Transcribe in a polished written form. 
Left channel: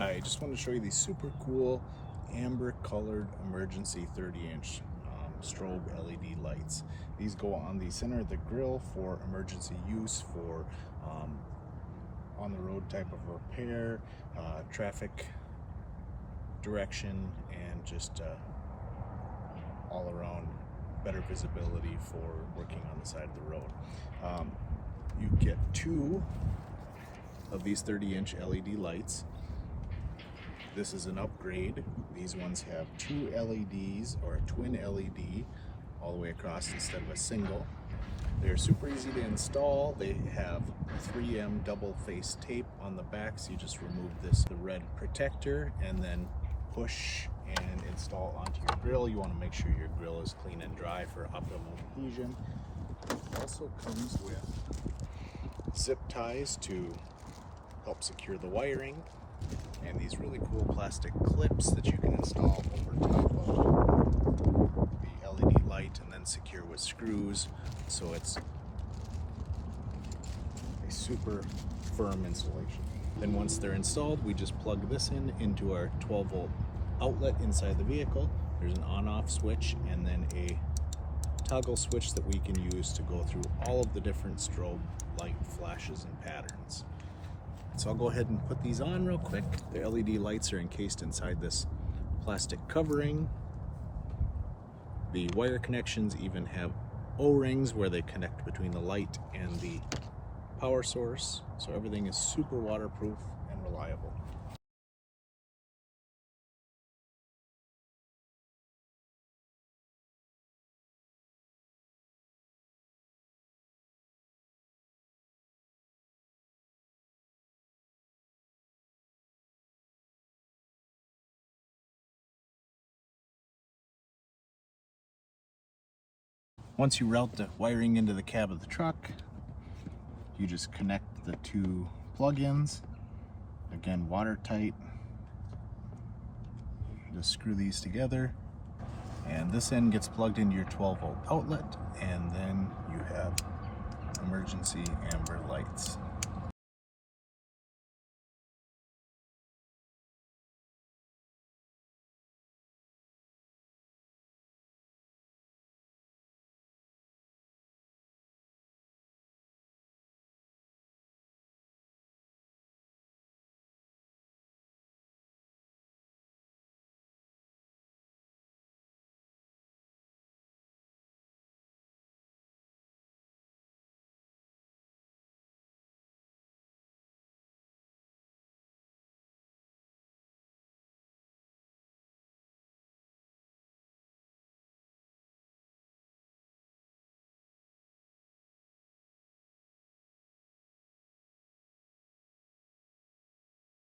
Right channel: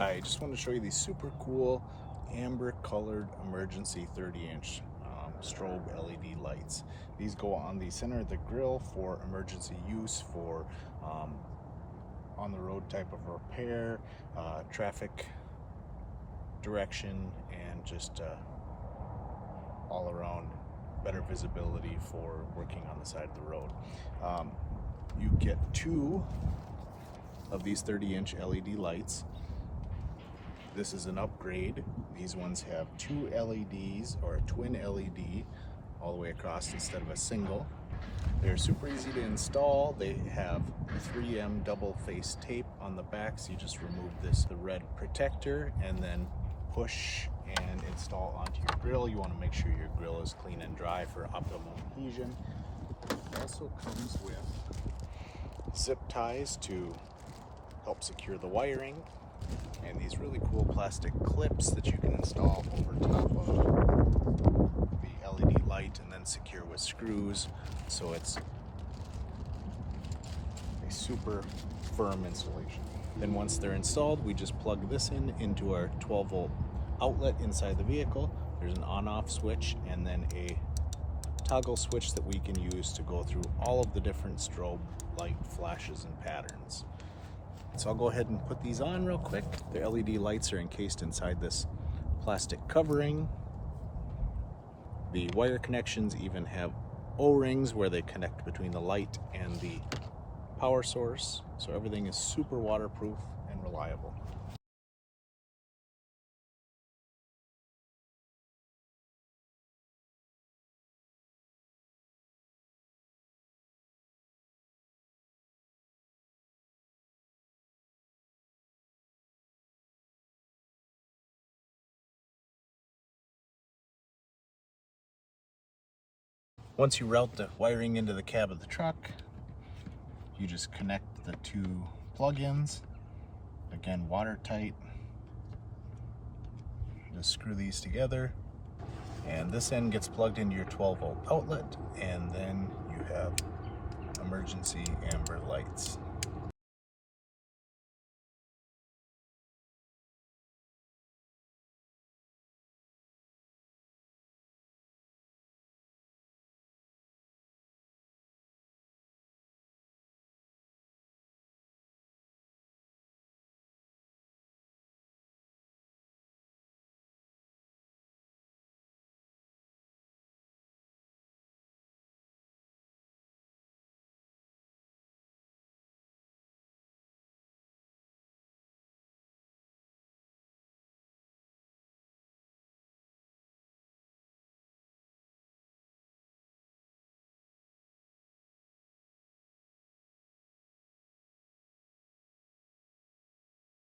I just want to show you these super cool amber colored emergency 30-inch strobe LED lights. These go on the center of the grill for emergency use, for on the road type of repair, traffic direction, and just all around better visibility for working on the side of the road. You get 2 of these 30-inch LED lights. This is an upgrade. These ones have 2 LEDs, or a twin LED all the way across instead of a single. They're super easy to install. They have 3M double face tape on the back, so you just remove the red protector, and then push and install onto your grill. You want to make sure your grill is clean and dry for optimum adhesion. It also comes with zip ties to help secure the wiring, and these really cool plastic clips that you can install over top of the LED light and then secure with screws, so it's a super firm installation. Then once they're installed, we just plug this into our 12-volt outlet inside the vehicle. There's an on-off switch and then a toggle switch that we can use to go through all of the different strobe light flashes and patterns. So I'll go ahead and put these on real quick. The LED lights are encased inside this plastic covering. The wire connections even have O-rings where they connect between the light and the power source. So everything is super waterproof and reliable. Once you route the wiring into the cab of the truck, you just connect the 2 plug-ins. Again, watertight. Just screw these together, and this end gets plugged into your 12-volt outlet, and then you have emergency amber lights.